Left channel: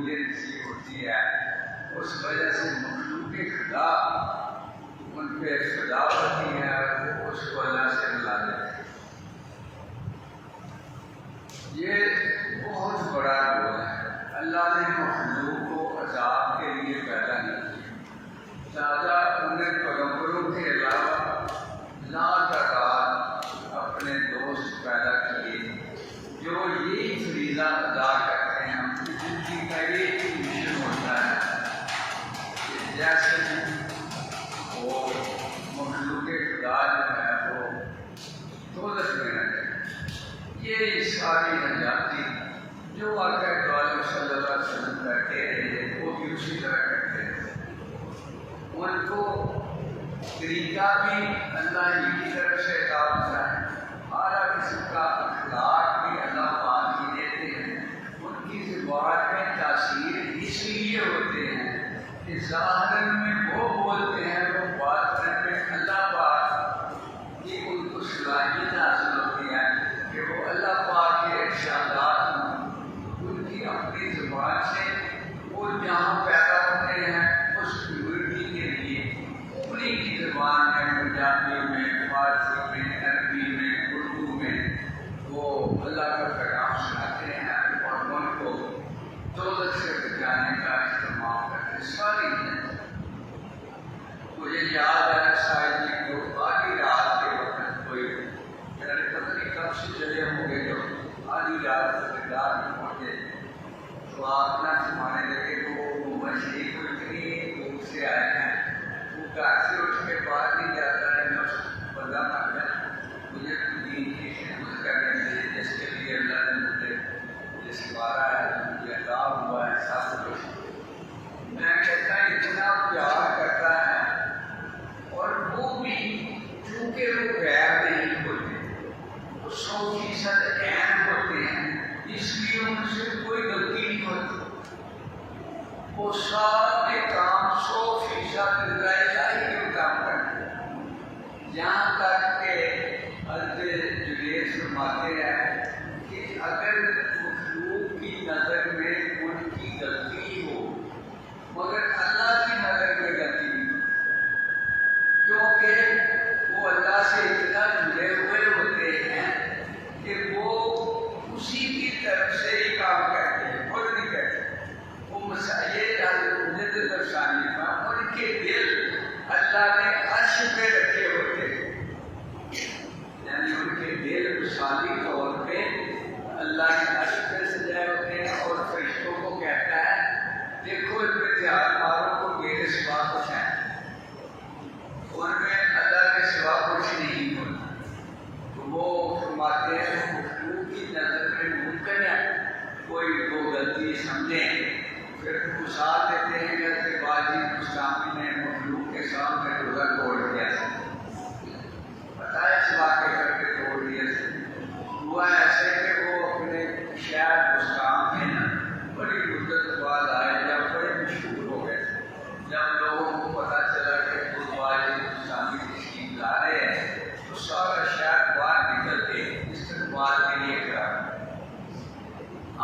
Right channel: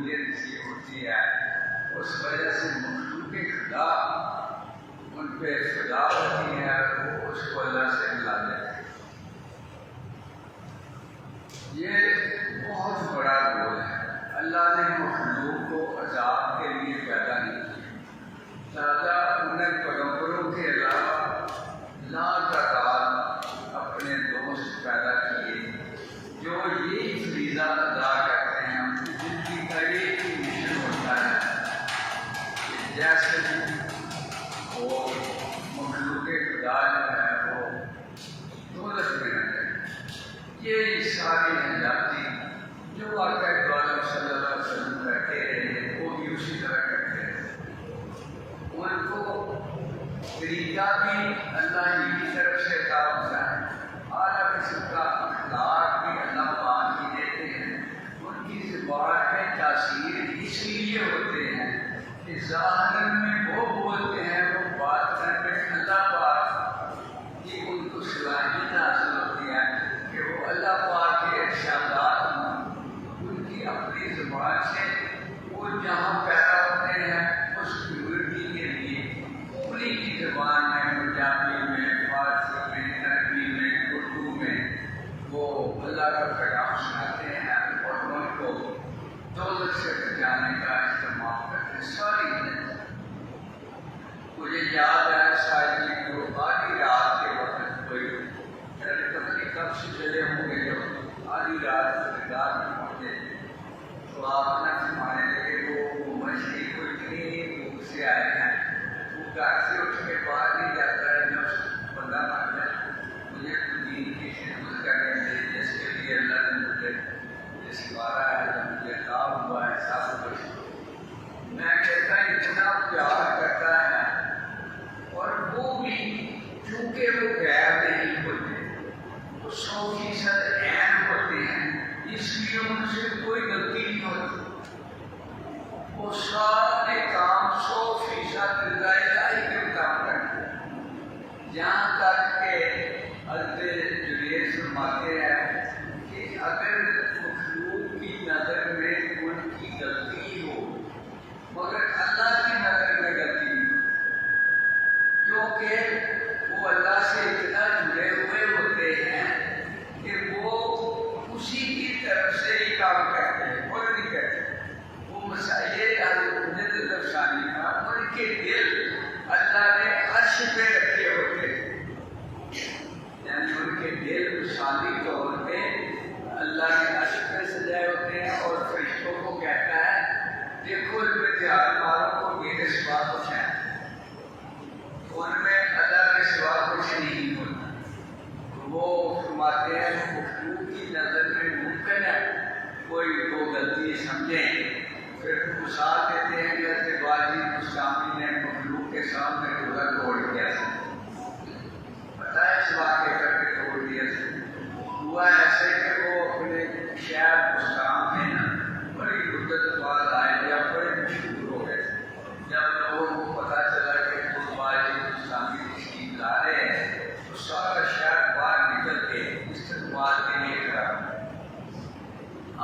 قبولیت اس لیے ہوتی ہے اس وجہ سے مخلوق خدا ان پہ فدا ہوتی ہے، وہ اس کو اللہ سے ملا دیتے ہیں۔ یہ بہت بڑا گول ہے۔ اللہ نے مخلوق کو عذاب کے لیے پیدا نہیں کیا، لہٰذا انہیں پیغمبروں کے علاوہ لاتعداد اپنے دوست پیدا کیے جو یہی فریضہ ادا کرتے ہیں۔ اپنی زندگی کا ایک ہی مشن ہوتا ہے کہ جیسے وہ مخلوق خدا جو ہے وہ دولت میں رہتے ہیں، یہ ساری حیاتی جو واقعہ دعالم صلی اللہ علیہ وسلم کرتے رہے وہ بھی اسی طرح کرتے رہے۔ ان کو طریقہ بھی اللہ ہی کی طرف سے عطا ہوتا ہے، اعلیٰ قسم کا اخلاق بھی اللہ پاک ہی دیتے ہیں۔ ان کی زبان میں تاثیر اس لیے ہوتے ہیں کہ ظاہر میں وہ بولتے ہیں، وہ باطن میں اللہ پاک کی ان کو صلاحیت حاصل ہوتی ہے کہ وہ اللہ پاک کے ارشادات ان کی اپنی زبان سے وہ جہاں پیدا ہوتے ہیں اس کمیونٹی کے لیے انہیں کی زبان میں، پنجابی میں، فارسی میں، عربی میں، اردو میں وہ اللہ کا پیغام سناتے ہیں اور ان کو دولت سے بچانے کا اہتمام کرتے ہیں۔ ساری مجھے یاد ہے شاید کہ آدھی رات کے وقت کوئی پتہ نہیں کب سے چلے ہوں گے، جو آدھی رات رات میں پہنچے تو آپ نہ سمانے لگے وہ مچھلی کو اتنی دور سے آئے ہیں، وہ گھر سے اٹھ کے باہر نہیں جاتا ہے، نفس بندہ مر جائے مجھے دین کی خدمت کرنے کے لیے جس کے لیے اللہ نے مجھے یہ سوارا ہے، جو مجھے عطا ہوا ہے سب کچھ، میں کہتا ہوں اتنا پیار کرتا ہے۔ اور وہ بھی چونکہ وہ غیر نہیں ہوتے، وہ 100% عین ہوتے ہیں، اس لیے ان سے کوئی غلطی نہیں ہوتی، وہ سارے کام 100% اللہ الہی کے مطابق کرتے ہیں۔ یہاں تک کہ حضرت جنید فرماتے ہیں کہ اگر مخلوق کی نظر میں ان کی غلطی ہو مگر اللہ کی نظر میں غلطی نہیں ہو، کیونکہ وہ اللہ سے اتنا جڑے ہوئے ہوتے ہیں کہ وہ اسی کی طرف سے ہی کام کرتے ہیں، خود نہیں کرتے۔ وہ مسائل حضرت افسانی کا ان کے دل اللہ نے عرش پہ رکھے ہوتے ہیں، یعنی ان کے دل مثالی طور پہ اللہ نے عرش پہ سجائے ہوتے ہیں اور فرشتوں کو کہتا ہے دیکھو ان پہ دھیان مارو کو میرے سوا کچھ ہے، ان میں اللہ کے سوا کچھ نہیں ہوتا۔ تو وہ فرماتے ہیں مخلوق کی نظر میں ممکن ہے کوئی دو غلطی سمجھیں، پھر مثال دیتے ہیں جیسے باجی مستعمل نے مخلوق کے سامنے روزہ توڑ دیا، بتایا اس واقعے کر کے توڑ دیا، ہوا ایسے کہ وہ اپنے شہر مستعمل میں نا بڑی مدت بعد آئے جب بڑے مشہور ہو گئے، جب لوگوں کو پتہ چلا کہ تشکیل لا رہے ہیں تو سارا شہر باہر نکل کے استقبال کے لیے کرا۔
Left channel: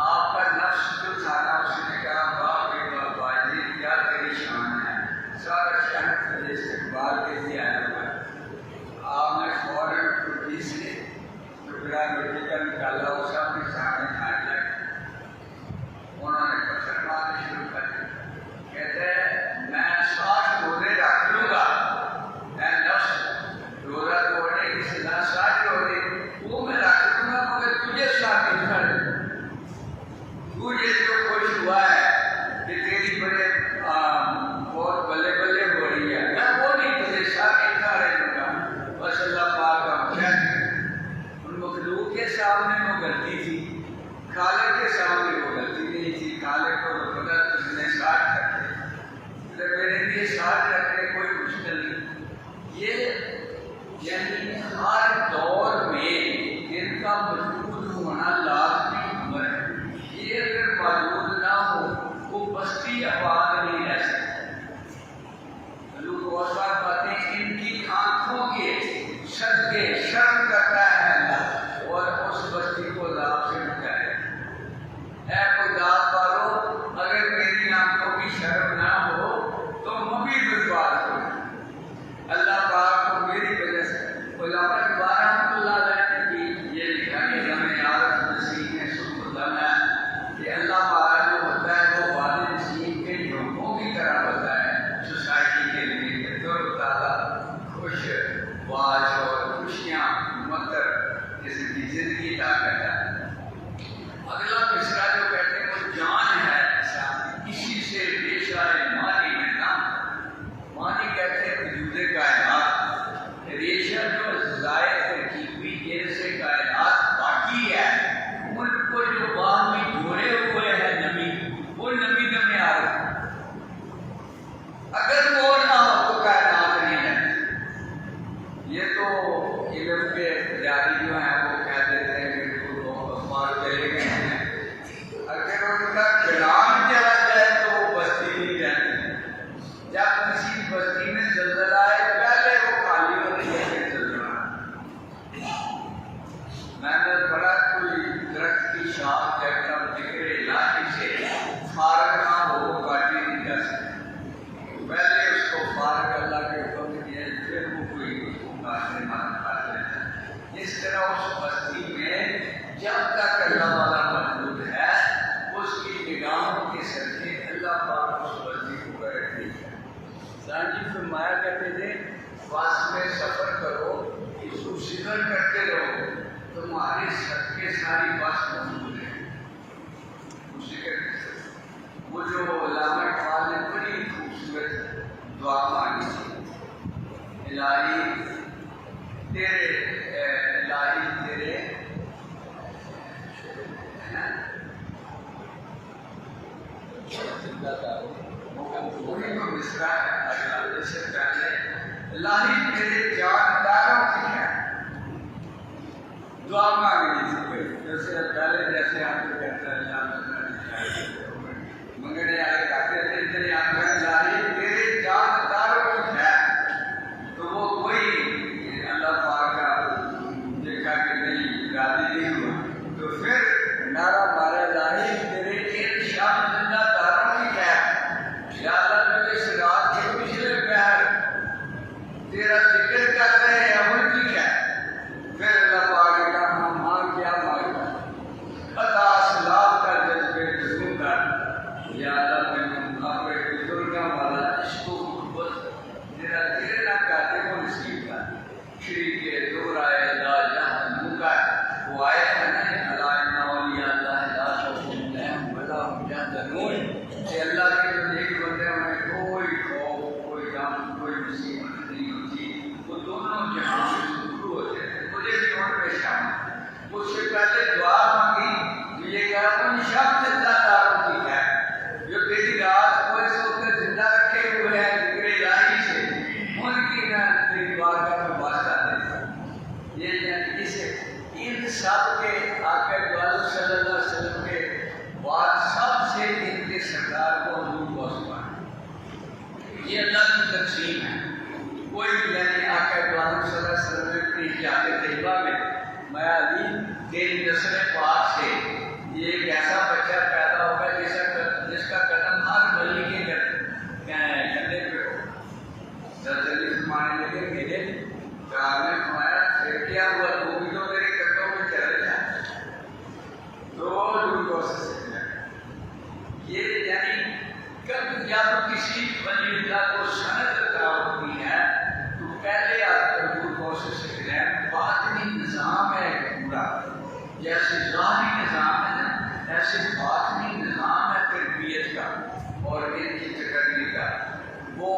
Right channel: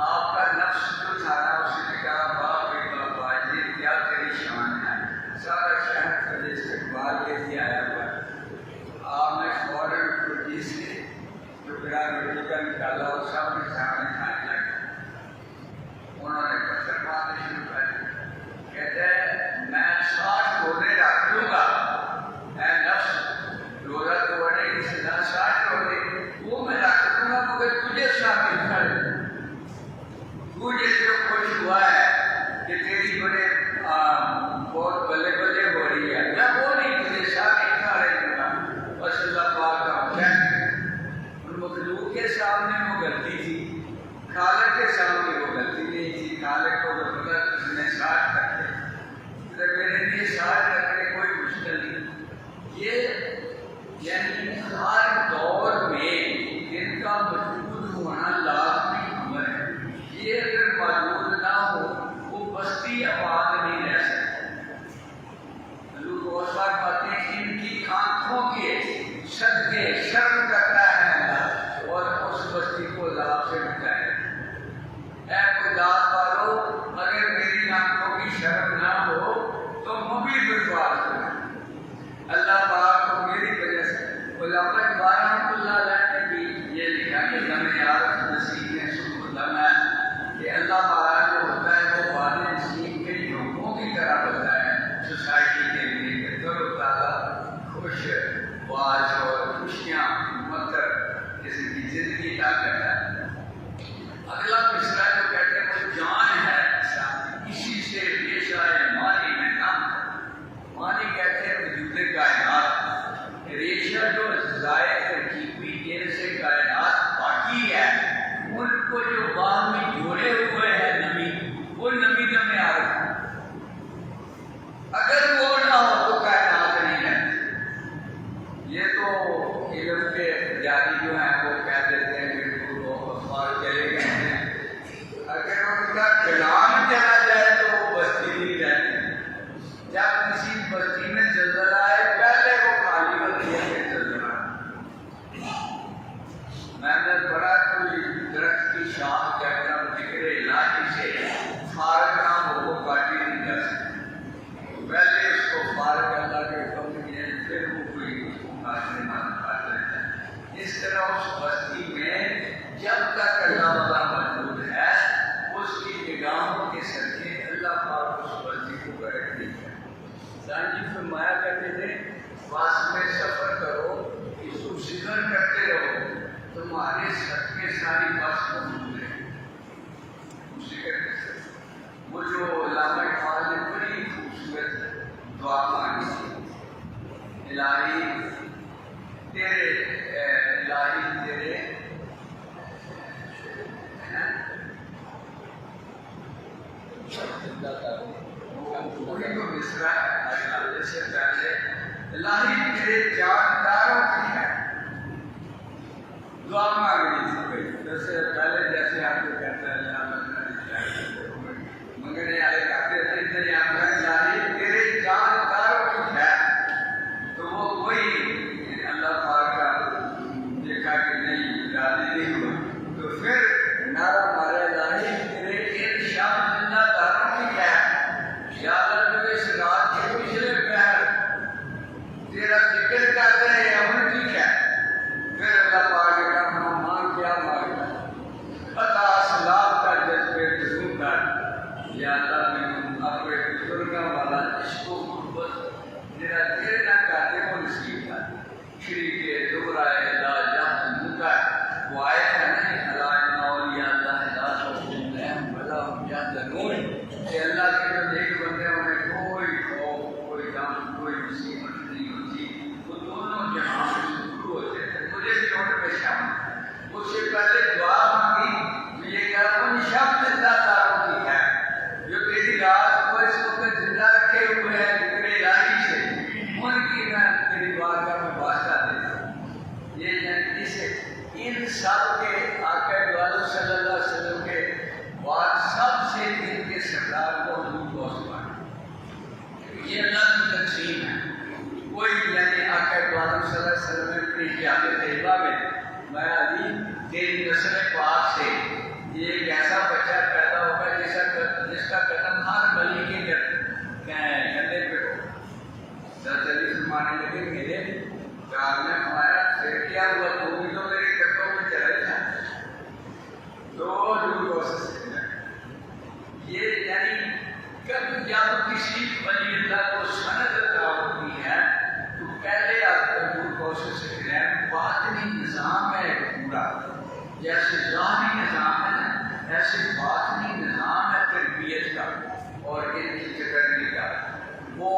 آپ کا نفس جو تھا نا اس نے کہا باپ بابا یہ کیا تیری شان ہے، سارا شہر تیرے استقبال کے لیے آیا ہوا ہے۔ آپ نے فوراً خودی سے جو بڑا بیٹی کا نکالا وہ سب کے سامنے کھانے لگے، انہوں نے پتھر مارنے شروع کر دیا، کہتے ہیں میں 60 روزے رکھ لوں گا، میں نفس روزہ توڑنے کی سزا 60 روزے وہ میں رکھ دوں گا مگر تجھے ثابت کر دوں، تجھے جو خوش ہوا ہے کہ تیری بڑے بہت بلے بلے ہو رہی ہے، میں وہ نہیں تجھے ثابت کر دوں گا۔ بس اللہ پاک کا حکم، ان مخلوق کے سامنے وہ غلطی تھی، خالق کے سامنے وہ غلطی نہیں تھی، خالق کو وہ پتا اس نے 60 رکھے، میرے لیے 60 رکھنے کوئی مشکل نہیں۔ یہ یعنی ہر دور میں ان کا موجود ہونا لازمی امر ہے، یہ اگر موجود نہ ہو وہ بستی آباد نہیں رہ سکتی۔ لوگ اور بات باتیں ان کی آنکھوں کے صدقے شرم کرتا ہے اللہ اور اس بستی کو عذاب سے بچائے۔ اے کوئی ذات والو اگر کا چلان چلا جائے تو وہ بستی نہیں رہتی. جب کسی بستی میں زلزلہ آئے پہلے وہ خالی ہوتی ہے پھر زلزلہ. میں نے بڑا کوئی درخت کی شاخ جب ذکر الہی سے فارغ نہ ہو وہ کاٹی نہیں جا سکتی. پہلے اس کو فارغ اللہ کے حکم دیا پھر وہ کوئی اس کو کاٹنے نہ کاٹ لیتا ہے. اس طرح اس بستی میں جب تک اللہ والا موجود ہے اس کی نگاہوں کے صدقے اللہ پاک اس بستی کو بیٹھتی ہے. جی فرمایا کرتے تھے بس میں سفر کرو اس کو ذکر کرتے رہو تمہارے صدقے ساری بس موجود ہے. ذکر وہ جو علامہ اقبال نے بڑی خوبصورت دعا مانگی تھی الہی تیرے وہی تو مصرع ہے سے پہلے الہی تیرے جانداروں کی ہے دعا مانگنی تھی. جیسے پہلے جیسے آپ کو کہتا ہے منگنے والے کہتے تھے تیری الہی تیرے جانداروں کی ہے تو وہ کوئی اللہ پاک کا دیکھا کہ نہیں راضی نہیں ہوا تو پھر نعرہ مارا الہی تیرے ان شب زندہ داروں کی ہے. یا اللہ تو اس رات کے پچھلے پہر تیرا ذکر کرتے ہیں ان کی ہے. پھر اللہ پاک نے کہا ہم مانگ کیا مانگتا عطا اسلام کا جذبے جذبوں کر یا اللہ میں اپنے بزرگوں والا عشق و محبت میرا دیر نہ کرتے وہ نصیب کر. شریف دورائے لا جہاں منکر وہ آئے تھا نہیں اللہ اولیاء اللہ لا خوف علیہم ولا هم يحزنون کہ اللہ کے جو نیک بندے انہیں کوئی خوف کوئی غم کوئی مصیبت نہیں ہوتی. وہ دونوں جہاں میں شروع ہوتے تھے. مجھے بھی ان میں شامل اس سے پہلے دعا مانگی یہ کہا ان شب زندہ داروں کی ہے جو تیری رات کو اس وقت زندہ رکھے ہوئے ہیں ذکر الہی سے ان کی میں تیری بارگاہ میں واسطہ دیتا ہوں. یہ اسے ان سب کے آقا دو عالم صلی اللہ علیہ وسلم کے بعد سب سے ان کے سردار کو حضور کو سمجھا. یہ اللہ کی تقسیم ہے. کوئی بھی یعنی آقا دو عالم صلی اللہ علیہ وسلم نے اپنی جامع طیبہ میں علی تیری نسل پاک سے یہ ایک ایسا بچہ پیدا ہوگا جس کا قدم ہر ولی کے گلے پہ ہو. علی فرمانے لگے میرے آپ نے ہمارا پھر کیا ہوا تو بھی تو میرے قدموں میں چلا جائے تو یہ یعنی کبھی جب کسی ولی اللہ کو سند عطا ہوتی ہے تو پہلے آپ کا حضور کوشش سے ہے باطنی نظام ہے پورا. جیسے ظاہری نظام ہے نا ایسے باطنی نظام ہے تربیت کا اور ان کی تکرمی کا. وہ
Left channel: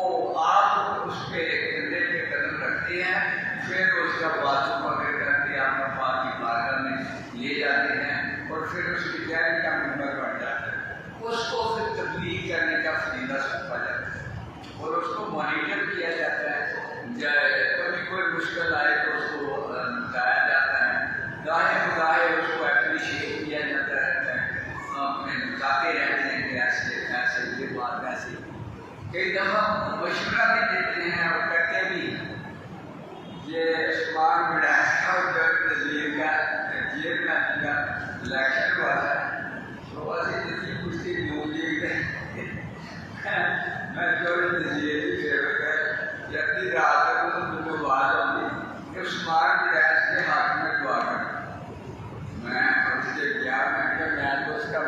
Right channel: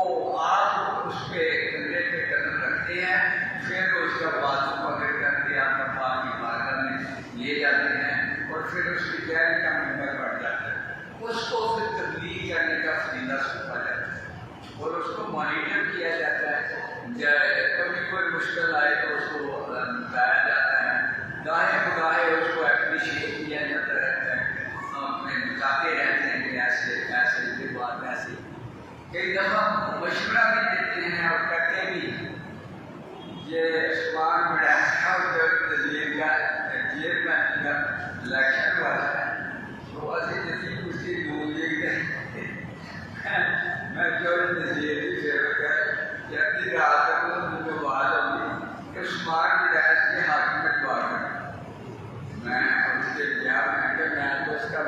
آپ اس پہ کندھے پہ قدم رکھتے ہیں پھر اس کا بازو پکڑ کر کے آپ پاک کی بارگاہ میں لے جاتے ہیں اور پھر اس کی تیاری کا ممبر بن جاتا ہے. اس کو پھر تبلیغ کرنے کا فریضہ سونپا جاتا ہے اور اس کو مانیٹر کیا جاتا ہے. کبھی کوئی مشکل آئے تو اس کو بتایا جاتا ہے. گاہے بگاہے اس کو اپریشیٹ کیا جاتا رہتا ہے. اپنے بتاتے رہتے ہیں کہ ایسے ایسے یہ بات ایسی. کئی دفعہ مشورہ بھی دیتے ہیں اور کرتے بھی یہ اسمان میں جیل کا الیکشن ہوا ہے تو ایسی تجیب اس کی موجود ہے میں جو تجیب فیور ہے یا اپنی رات تک مجھے بات ہوگی کہ عثمان کی رہائش کے حق میں دعا کروں. میں اس کے بیان میں تو اس کا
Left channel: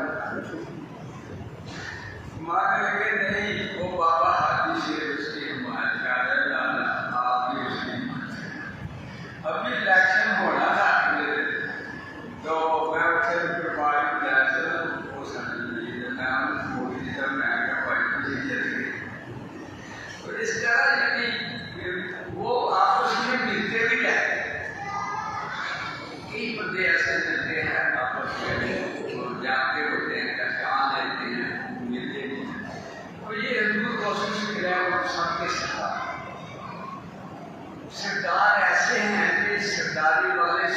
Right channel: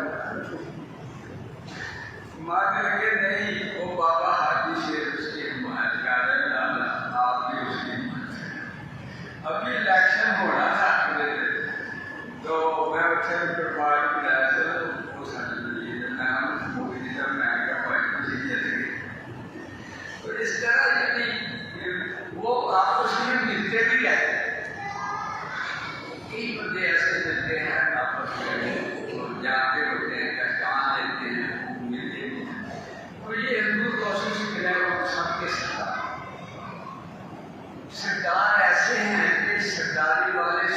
ماننے لگے نہیں وہ بابا حاجی شیر اس کی حمایت کر رہے لانا آپ بھی اس کی حمایت. ابھی الیکشن ہونا تھا تو میں اسے پرواز بلایا تھا وہ سمجھ مودی جی صاحب میں کیا پارٹی چلے گی. تو اس طرح یعنی وہ آپس میں ملتے بھی رہتے ہیں. کئی بندے ایسے ملتے ہیں آپس میں جاتے ہوتے ہیں پہچان لیتے ہیں ملتے ہیں. اور یہ حضور کوشش کر رہا ہے وہ سب کے سردار ایسے ہیں کہ سرداری والے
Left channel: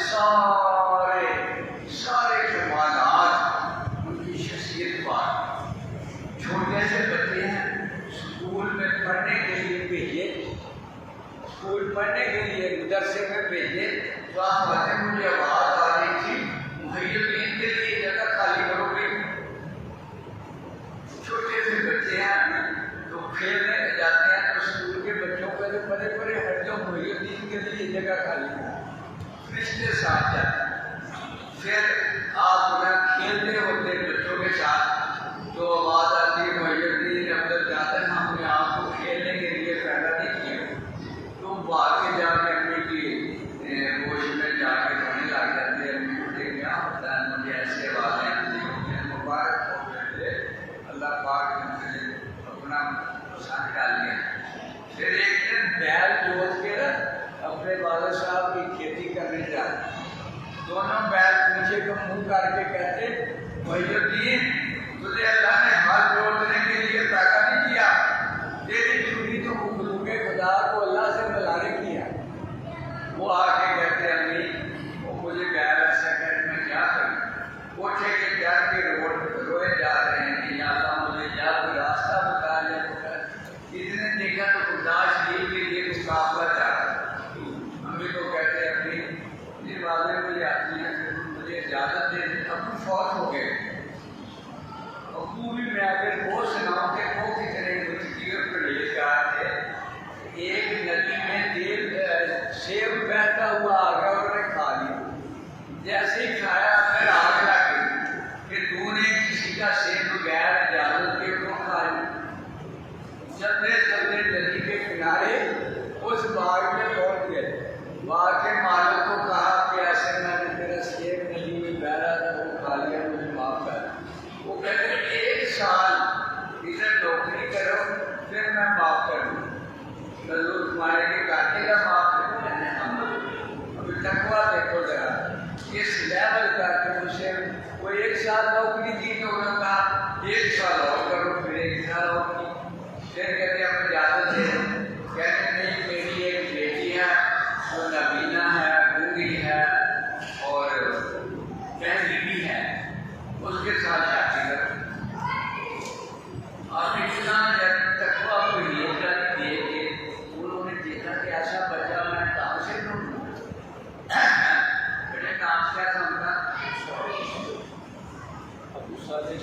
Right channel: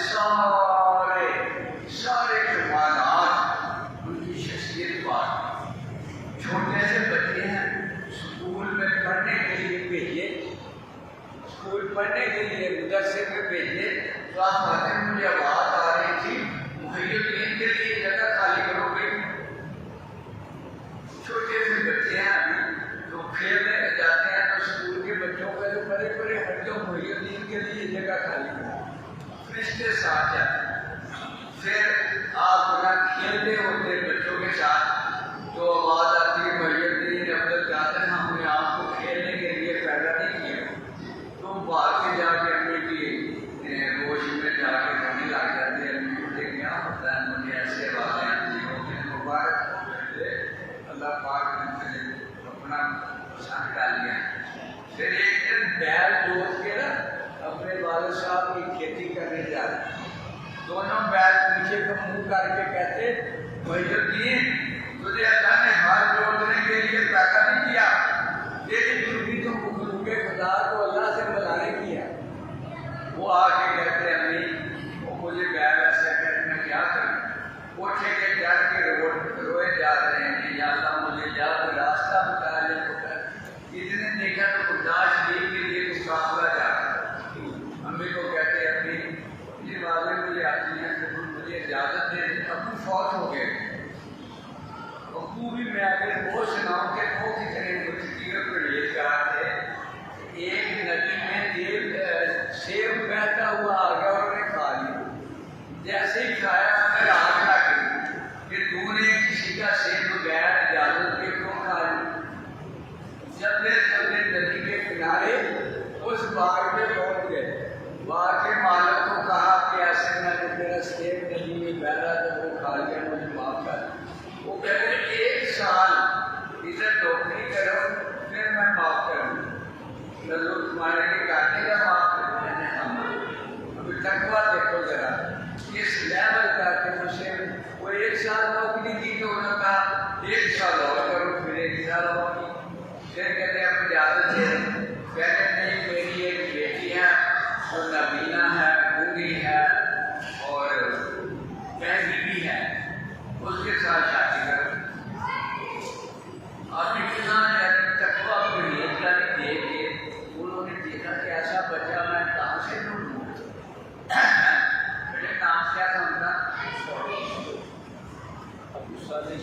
سارے کمالات بات چھوٹے سے بچے ہیں اسکول میں پڑھنے کے لیے بھیجیے، اسکول پڑھنے کے لیے مدرسے میں بھیجیے تو آپ آتے مجھے آواز آ رہی تھی محی الدین کے لیے جگہ خالی کرو گے۔ چھوٹے سے بچے ہیں تو کھیلنے جاتے ہیں تو اسکول کے بچوں کا جو بڑے بڑے ہٹوں محی الدین کے لیے جگہ خالی کرو، فرشتے ساتھ جاتے ہیں۔ پھر آپ نہ کھیلتے ہوتے بچوں کے ساتھ تو آواز آتی ہے محی الدین عبد جاتے ہیں ہم نے آپ کو کھیلنے کے لیے پیدا نہیں کیا، تو باہر کے جا کے امی کی گوشت میں جا کے رونے لگ جاتے ہیں، مجھے کیا ہوتا ہے، مجھے ایسے آوازیں آتی ہیں، مبارک ہو گئے اللہ پاک نے اپنا پسند ڈال لیا۔ پھر ایک دن بیل جوت کے نا اپنے والد صاحب کی کھیتی کرنے جا رہے، دونوں بیل پیچھے کو منہ کر کے کہتے محی الدین تجھے اللہ نے ہاتھ جوڑنے کے لیے پیدا نہیں کیا، تیری ڈیوٹی تو مخلوق خدا کو اللہ سے ملانے کی ہے۔ وہ آ کے کہتے امی وہ مجھے بیل ایسا کہ میں کیا کروں، اٹھے کے جا کے روئے جا رہے ہیں کہ یا اللہ مجھے جا کوئی راستہ بتا لے، کسی نے دیکھا تو برداشت کے لیے مقابلہ جا رہا ہے۔ امی کو کہتے امی یہ باتیں مجھے آتی ہیں کہ مجھے اجازت دے، ابو فوت ہو گئے، ابو بھی میں اگر وہ سناؤں کہ وہ کتنے مجھے پرہیزگار تھے۔ ایک ندی میں سیب بہتا ہوا آ گیا اور انہوں نے کھا لیا، جیسے ہی کھایا پھر آگ لگ گئی کہ تو نے کسی کا سیب بغیر اجازت کے کیوں کھا لیا۔ چلتے چلتے ندی کے کنارے اس باغ میں پہنچ گئے، باغ کے مالک کو کہا کہ ایسے میں نے میرا سیب ندی میں بہ رہا تھا وہ کھا لیا، مجھے معاف کر۔ وہ کہتے ہیں 1 سال اسے نوکری کرو پھر میں معاف کروں گا۔ ضرور تمہارے لیے کاٹے گا معاف کروں، میں نے ابھی تقویٰ دیکھو ذرا اس لیول کا کہ مجھے وہ 1 سال نوکری کی تو انہوں نے کہا 1 سال اور کرو، پھر 1 سال اور کی۔ پھر کہتے ہیں اپنی اجازت دے، کہتے نہیں میری ایک بیٹی ہے وہ نبینہ ہے، گونگی ہے اور بہنی بھی ہے، اس کے ساتھ شادی کرو۔ آپ نے کتنا تقویٰ کو نیت کا دے کے انہوں نے دیکھا کہ ایسا بچہ میں کہاں سے ڈھونڈوں، میرے کام کیا تھا ان کا ابو صالح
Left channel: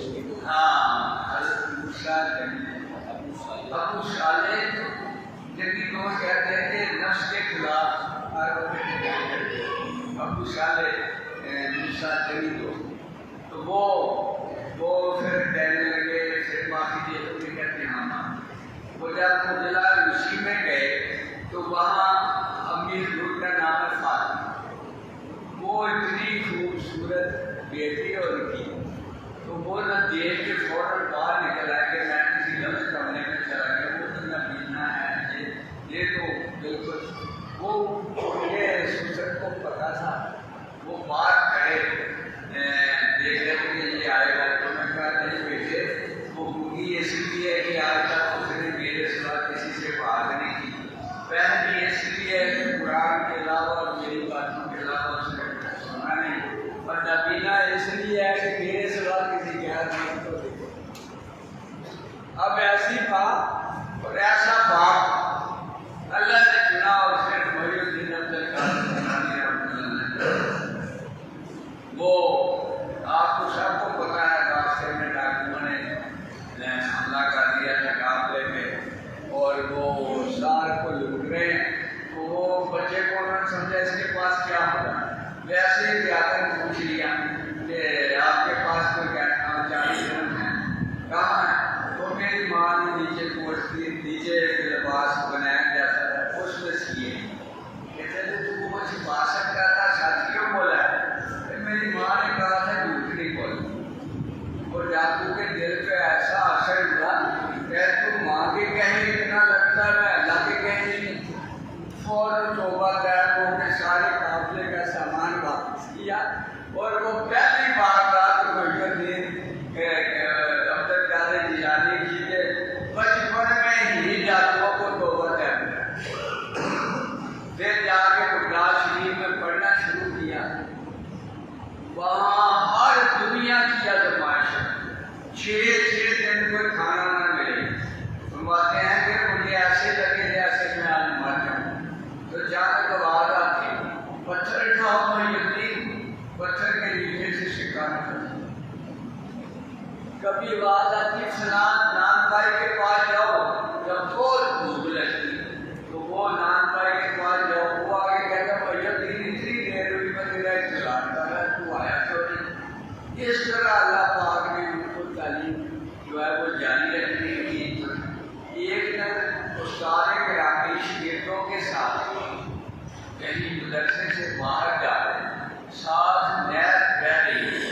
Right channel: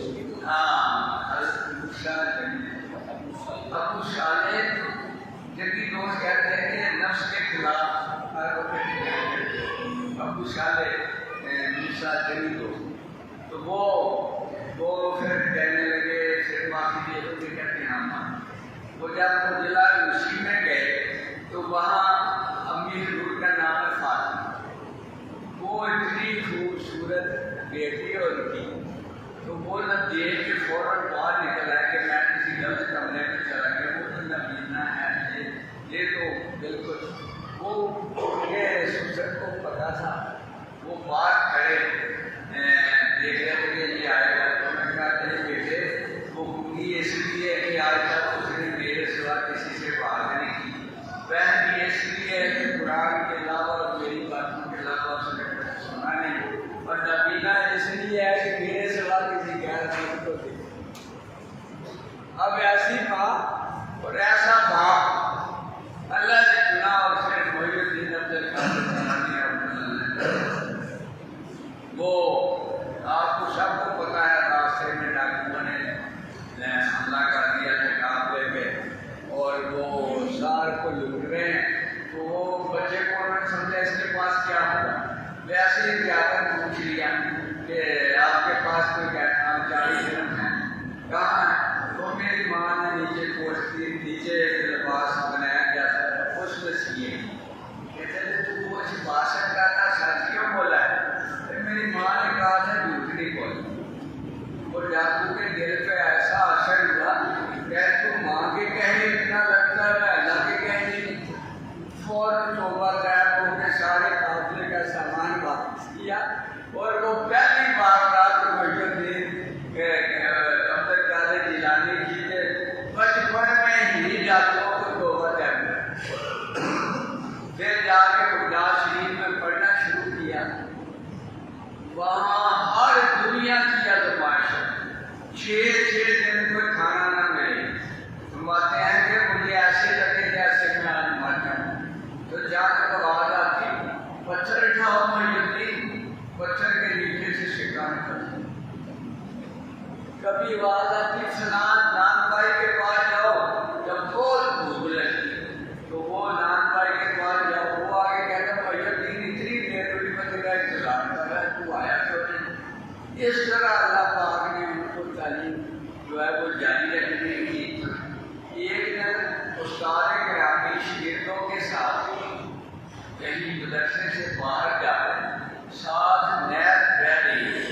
جنگی دوست کہتے ہیں کہ نفس کے خلاف ابو صالح موسیٰ جنگی دوست، تو وہ پھر کہنے لگے پھر معافی دے تو کہتے ہیں ہم وہ جب مجلہ روسی میں گئے تو وہاں امی حضور کا نام ہے فاطمہ، وہ اتنی خوبصورت بیٹی اور کی، تو وہ نہ دیکھ کے فوراً باہر نکل آیا کہ میں کسی غلط کمرے میں چلا گیا، وہ تو نبینہ ہے، یہ تو بالکل وہ یہ سوچت کو پتا تھا۔ وہ باہر کھڑے دیکھ رہے تھے کہ یہ آئے گا، تو میں کہا نہیں بیٹے وہ ہوگی اس لیے کہ آج تک اس نے میرے سوا کسی سے بات نہیں کی، پہلی اس لیے کہ قرآن کے علاوہ اور میری باتوں کے علاوہ اس نے سنا نہیں، اور نبینہ اس لیے ہے کہ میرے سوا کسی غیر مرد کو دیکھے۔ اب ایسی بات اور ایسا باپ اللہ نے چنا، اور پھر محی الدین عبد وہ آپ کو سب کو پتا ہے، راستے میں ڈاکوؤں نے حملہ کر دیا تھا قافلے پہ اور وہ سار کو لوٹ رہے ہیں، تو وہ بچے کو انہوں نے سمجھا اس کے پاس کیا ہوگا، ویسے ہی جا کر پوچھ لیا کہ آپ کے پاس کوئی جاری جنم ہے، کہاں ہے؟ تو میری ماں نے نیچے کوٹ کی، نیچے ایک لباس بنایا جاتا تھا اس میں سیے، کہتے تھے تو وہ کچھ پا سکتا تھا، سچ کیوں بولا ہے؟ میری ماں نے کہا تھا جھوٹ نہیں بولی، اور ڈاکو کے دل پہ ایسا اثر ہوا کہ تو ماں کے کہنے اتنا لگتا ہے اللہ کے کہنے نہیں، فوراً توبہ طیب ہو کے سارے قافلے کا سامان واپس کیا، اور وہ پہلی بار رات محی الدین عبد القادر جیلانی جی کے بچپن میں ہی ڈاکوؤں کو توبہ طیب کیا، پھر جا کے قرآن شریف میں پڑھنا شروع کیا، وہاں ہر دنیا کی آزمائش ہے، 6 دن کوئی کھانا نہ ملے، فرماتے ہیں کہ مجھے ایسے لگے جیسے میں آج مر جاؤں، تو جا کر آواز آتی پتھر اٹھاؤ تو یقین پتھر کے نیچے سے سکہ نکلتا۔ کبھی آواز آتی فلان نان بھائی کے پاس جاؤ، جب بہت بھوک لگتی تو وہ نان بھائی کے پاس جاؤ، وہ آگے کہتا یقین اتنی دیر ہوئی میں تیرا انتظار کر رہا ہے، تو آیا کیوں نہیں؟ اس طرح اللہ پاک نے ان کو تعلیم جو ہے وہ جاری رکھنے کی۔ ایک دن استاد گرامی شاگردوں کے ساتھ کہیں مدرسے سے باہر جا رہے، ساتھ نہر بہہ رہی ہے،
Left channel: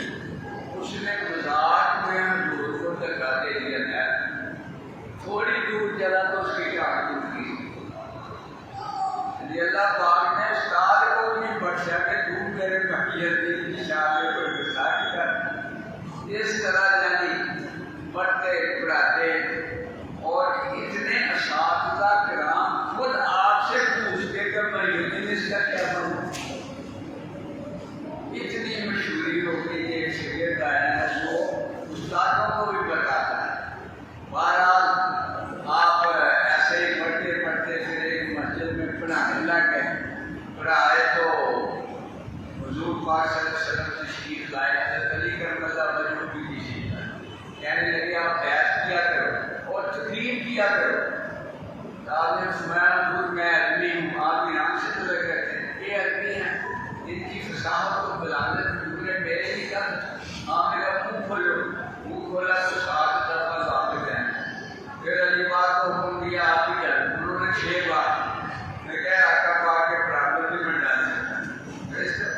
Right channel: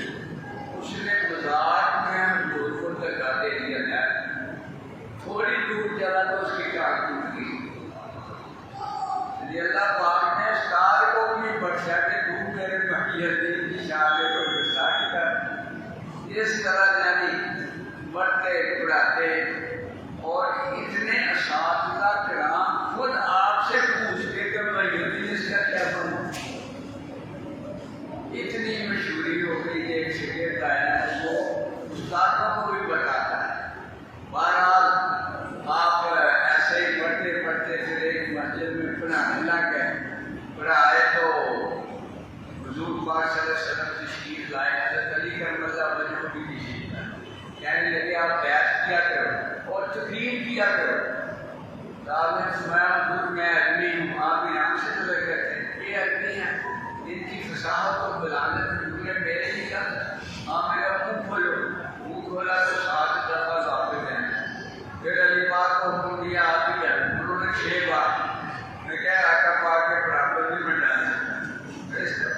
اس نے مذاق میں حضور کو دھکا دے دیا نہر، تھوڑی دور چلا تو اس کی ٹانگ ٹوٹ گئی۔ اللہ پاک نے استاد کو بھی بخشا کہ تو میرے محیط کی شاگرد کو غصہ کیا۔ اس طرح یعنی پڑھتے پڑھاتے اور اتنے اساتذہ کرام خود آپ سے پوچھتے کہ مریم اس کا کیا بننا۔ اتنی مشہوری ہو گئی کہ ایک شاگرد آیا ہے وہ استادوں کو بھی بتاتا ہے۔ بہرحال آپ ایسے ہی پڑھتے پڑھتے پھر ایک مسجد میں پڑھانے لگ گئے، پڑھائے تو حضور پاک صلی اللہ علیہ وسلم تشریف لائے، حضرت علی کرم اللہ وجہہ کی تشریف لائے، کہنے لگے آپ بیعت کیا کرو اور تقریر کیا کرو۔ آپ نے فرمایا حضور میں آدمی ہوں، آپ ایران سے تو لگ رہے تھے، یہ آدمی ہیں ان کی فصاحت کو بلانے حضور نے میرے لیے کیا تھا؟ آپ نے کہا منہ کھولو، منہ کھولا تو 7 دفعہ واپس آئے، پھر علی پاک کو حکم دیا آپ ہی کر، انہوں نے 6 بار میں کہا آقا پاک کے برابر بھی میں ڈال دیتا۔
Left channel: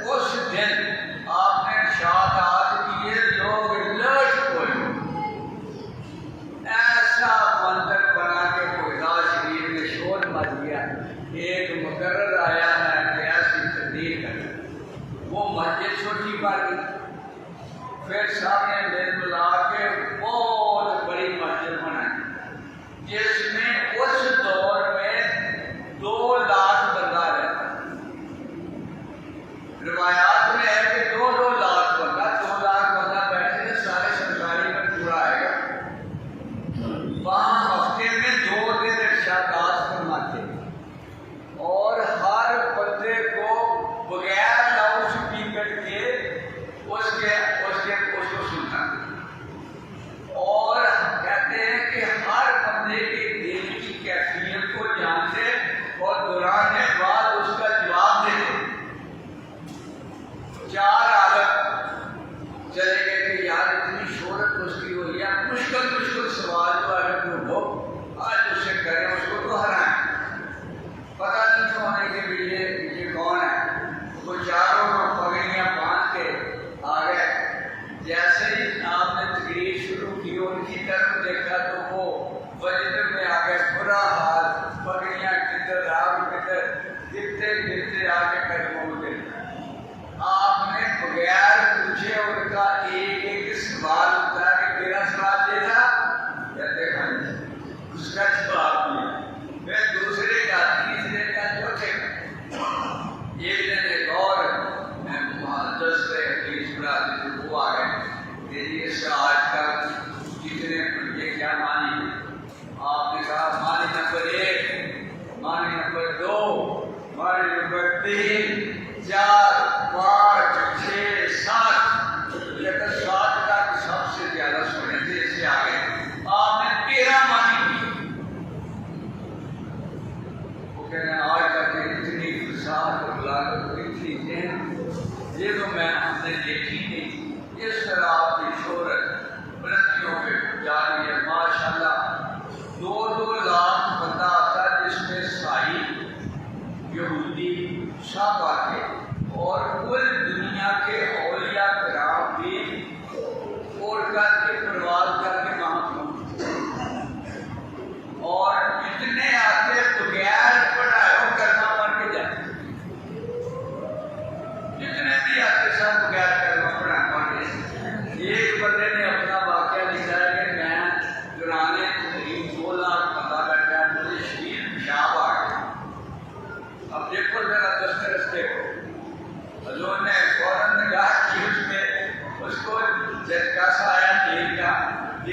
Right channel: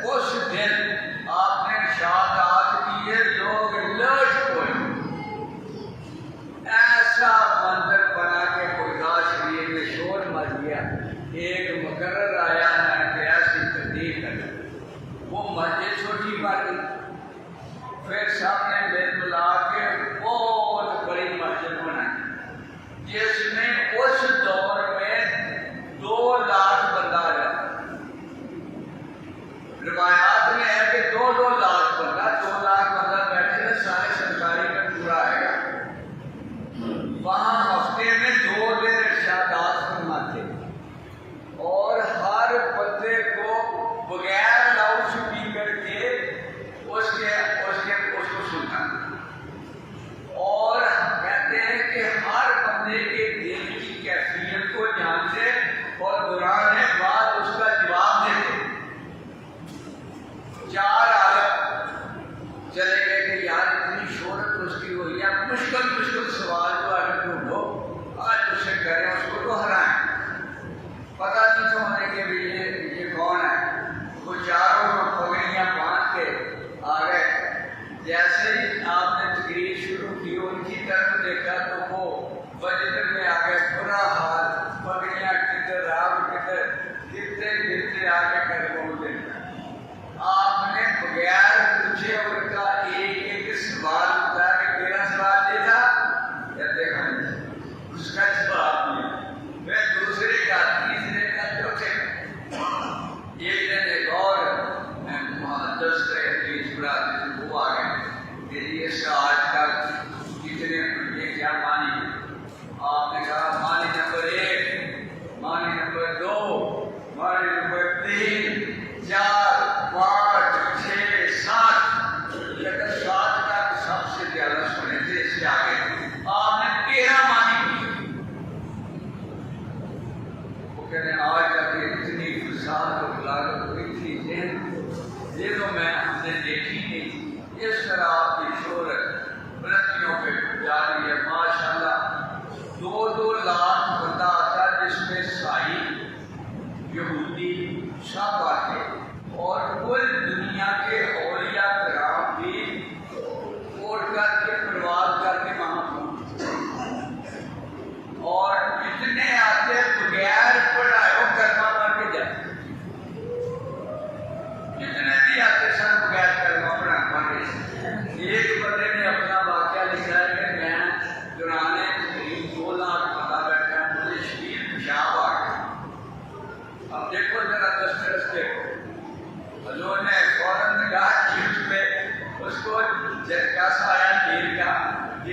اس دن آپ نے ارشادات کیے لوگ لوٹ پڑے، ایسا منظر بنا کے خدا شریف میں شور مچ گیا، ایک مقرر آیا ہے کہ ایسی تبدیل کرنا، وہ مسجد چھوٹی پڑ گئی، پھر سامنے دل بلا کے بہت بڑی مسجد بنائی جس میں اس دور میں 2 لاکھ بندہ رہتا۔ روایات میں ہے کہ 2 لاکھ بندہ، 2 لاکھ بندہ بیٹھے سارے سرکاری میں پورا آئے گا۔ وہاں ہفتے میں 2 دن ارشادات فرماتے اور ہر بندے کو بغیر لاؤڈ اسپیکر کے اس کو سننا، اور کہتے ہیں کہ ہر بندے کے دل کی کیفیت کو جانتے اور دوران بعد اس کا جواب دیتے۔ 4 عالم چلے گئے کہ یار اتنی شہرت اس کی ہوئی ہے، مشکل سوال جو اگر ڈھونڈو آج اسے کریں، اس کو تو ہرائیں، پتہ نہیں تو ہونے کے بھی یہ کون ہے۔ وہ چاروں پگڑیاں باندھ کے آ گئے، جیسے ہی آپ نے تقریر شروع کی ان کی طرف دیکھا تو وہ وجد میں آ گئے، برا حال، پگڑیاں کدھر آپ کدھر، گرتے آ کے کر بول دیں۔ آپ نے بغیر پوچھے ان کا ایک سوال ہوتا ہے کہ تیرا سوال دیکھا، کہتے ہیں اس کا جواب دیا، پھر دوسرے کا، تیسرے کا، چوتھے کا۔ ایک دن ایک اور محدث حدیث پڑھاتے تھے، وہ آ گئے کہ اس سے آج کا کتنے یہ کیا مانی،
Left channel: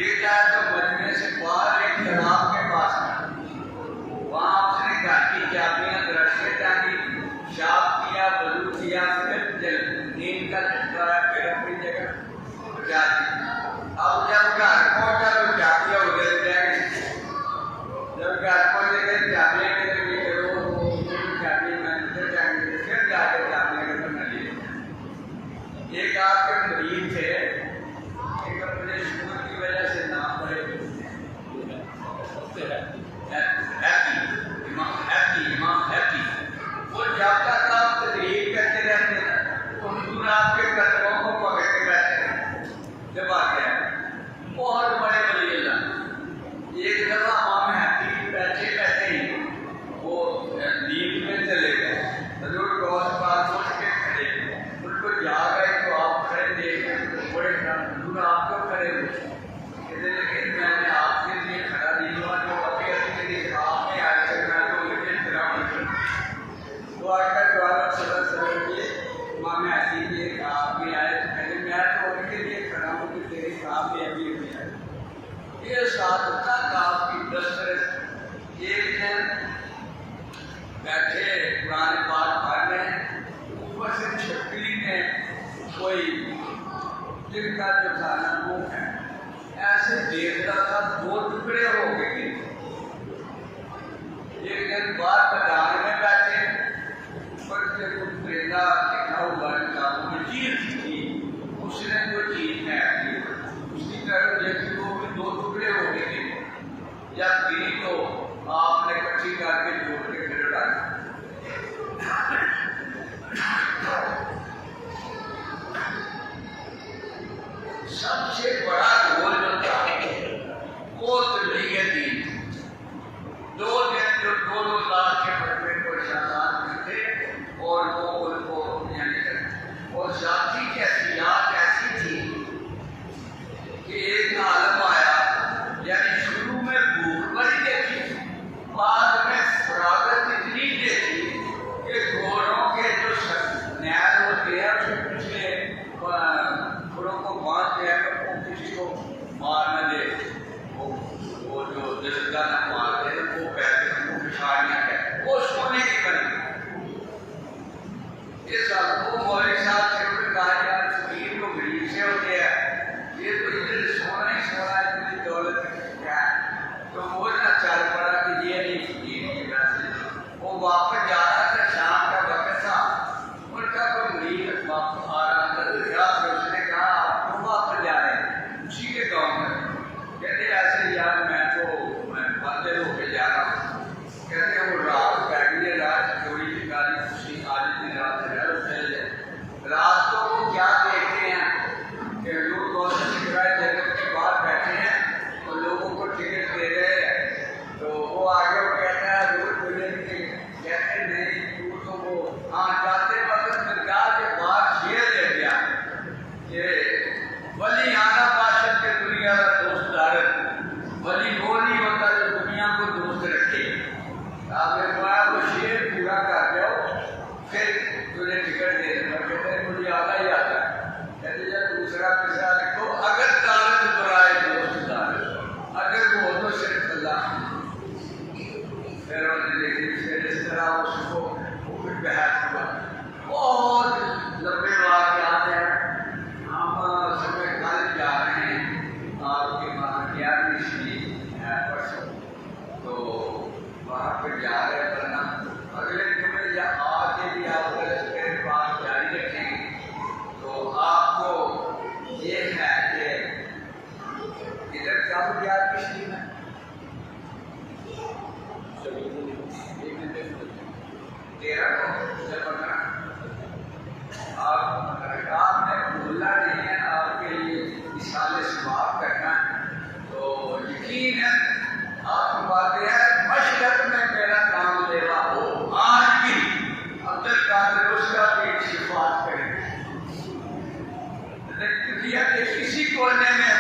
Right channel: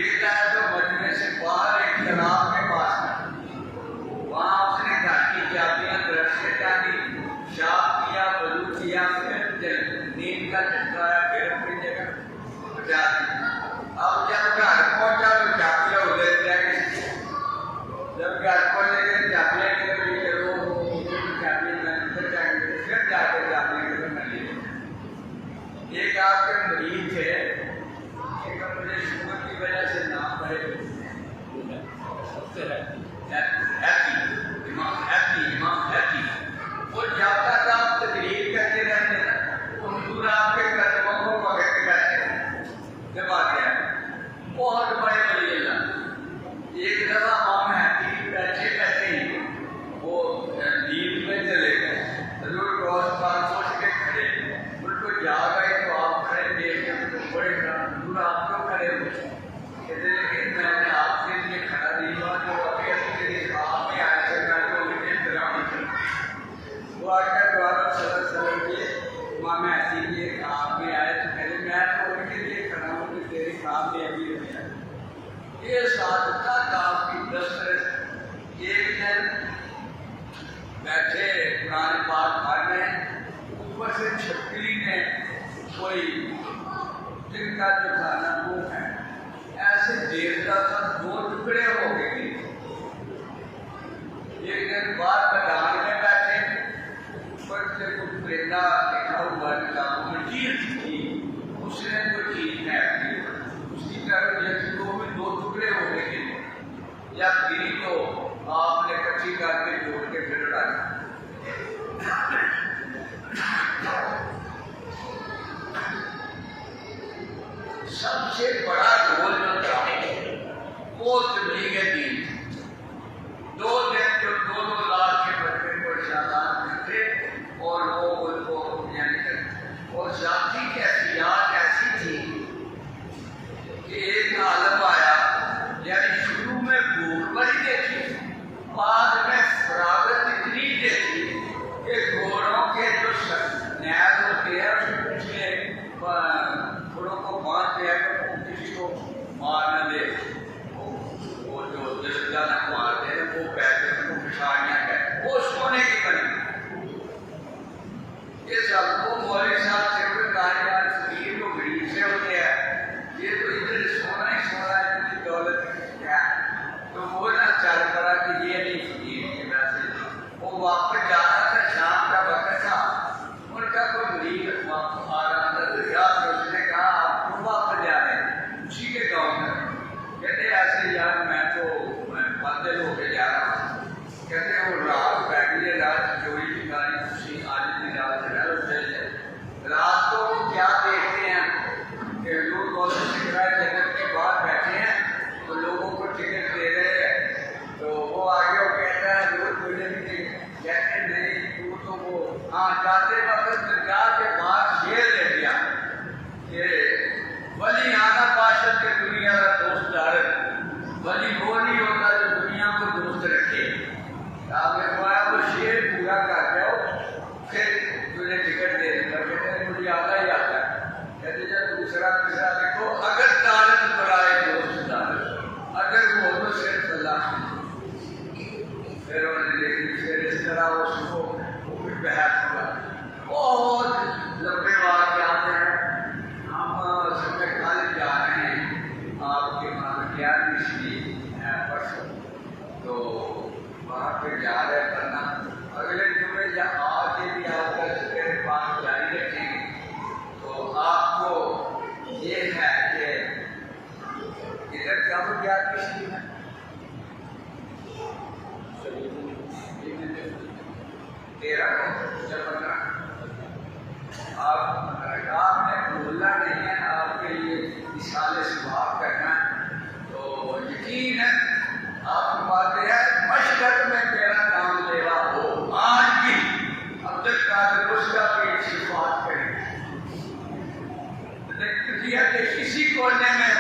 دیکھتا ہے تو مجمع سے باہر ایک تالاب کے پاس تھا، وہاں اس نے گھر کی چابیاں درخت سے ٹانگی، پیشاب کیا، وضو کیا، پھر نیند کا جھٹکا ہے، پھر اپنی جگہ پہنچا دی۔ اب جب گھر پہنچا تو چابیاں ادھر جا گئی۔ جب گھر پہنچے گئے چابیاں کدھر گئی، چابیاں میں ادھر جائیں گے، پھر جا کے چابیاں کدھر نہ لی۔ ایک آپ کے مریض تھے، ایک اپنے شوگر کی وجہ سے نام پڑے امام ہیپی، وہ جب تک آپ تقریر کرتے رہتے ہیں تو حضور آپ کے قدموں کو پکڑ کے بیٹھے ہیں۔ جب آتے ہیں بہت بڑے ولی اللہ، ایک دفعہ امام ہیپی بیٹھے بیٹھے ہی وہ نیند میں چلے گئے، حضور کو اس پاس سوچ کے کھڑے، ان کو یاد آئی تو آپ کھڑے دیکھ بڑے حضور آپ کیوں کھڑے ہوئے؟ کہتے ہیں کہ میں نے آپ کے لیے کھڑا نہیں ہوا، جو ابھی کے لیے آپ نے آج تک میں تو مجھے احترام نہیں کرتا۔ تو آج کا دوبارہ صلی اللہ علیہ وسلم کے امام ایسی لیے آپ کے آئے تو پہلے میں تو ان کے لیے کھڑا ہوں کہ تیرے کام میں ابھی ہوئی ہے۔ یہ سادہ کام کی دسترس، ایک دن بیٹھے قرآن پاک پڑھ رہے ہیں، اوپر سے چھتری میں کوئی جن کا جو کھانا وہ ہے ایسے دیکھتا تھا، دو ٹکڑے ہو گئے۔ ایک دن بعد میدان میں بیٹھے، اوپر سے کچھ پرندہ لکھا ہوا کتابوں میں چیز تھی، اس نے کوئی چیز پھینک دی، اس کی طرف یقینوں میں دو ٹکڑے ہو گئے۔ جب گری تو آپ نے کچھی کر کے جوڑ کے پھر اڑا دیا۔ سب سے بڑا رول جو تھا وہ تبلیغ دین، 2 دن جو 2 لاکھ کے بچے کو شادان کرتے اور وہ ان کو اور ذاتی کیفیات ایسی تھی کہ ایک عالم آیا، یعنی شروع میں بھوک بڑی دیکھی، بعد میں فراغت اتنی دیکھی کہ گھوڑوں کے جو نیز ہوتے ہیں اس میں پچھلے گھوڑوں کو باندھ دیا کہ وہ کسی کو مار نہ دے، وہ جو جلدہ نہ مارتے ہیں وہ کہتے ہیں وہ پچھاڑیاں کہتے ہیں، وہ سونے کی بنی۔ یہ سب وہ مولوی صاحب سے کہا یار فقیر کو غریب سے ہوتے ہیں، یہ تو ادھر سونا ہی سونا ہے، اتنی دولت کیا ہے؟ تو وہ نہ چل پڑا کہ یہ نہیں فقیر کی ویسے، وہ واپس جا رہا تھا، شام کا وقت تھا، ان کا کوئی مریض واپس آ رہا تھا، رات میں اس نے کہا آپ کیوں واپس جا رہے ہیں اسی کے گاؤں میں؟ کہتے ایسے یار میں تو باندل ہو کے جا رہا ہوں۔ کہتے ہیں وہ رات بیٹھی رات چوری کی گاڑی خوشی آج کی رات ہے رات کو کیا دیکھتے ہیں کہ لوگ جگت کے باہر بیٹھے ہیں تو لوگوں کو ٹکٹ دے رہے ہیں، تو وہ آگے کہتا ہے روز مجھے بھی کہتے نہیں تو وہ ہاں جاتے وقت درگاہ کے بعد شیر لے گیا کہ ولی آنا بادشاہ کے دنیا کا دوست دار، ولی وہ نہیں ہوتا جو دنیا کو دوست رکھے۔ آپ نے کہا وہ شیر پورا کر جاؤ پھر تجھے ٹکٹ دے دوں گا۔ کہتے ہیں مجھے آدھا ہی آتا ہے۔ کہتے جب دوسرا تیسرا دیکھو اگر طالب برائے دوست دار، اگر وہ تو صرف اللہ، پھر انہوں نے لیکن پھر اس طرح اس کو پھر بحث ہوا۔ بہت لمبے واقعات ہیں، ہم سمے کل جا رہے ہیں آپ کے وہاں 11ویں شریف ہے پرسوں، تو وہاں پہ جا رہے کرنا اگلے جمعے یا آج کے بھی آپ کا اسپیئر پاس جاری رکھیں گے تو آپ کو یہ ہے کہ ادھر کب یاد کسی ہے 13 کو جب آپ نے بھولنا نہیں ہے، آپ کے لیے مثال ثواب کرنا ہے، تو یقین ہے آپ کو بات یہ ہے مشرق میں میرا نام لے رہا ہو آج بھی عبد القادر اس کا بھی صفات کریں، کسی کونے میں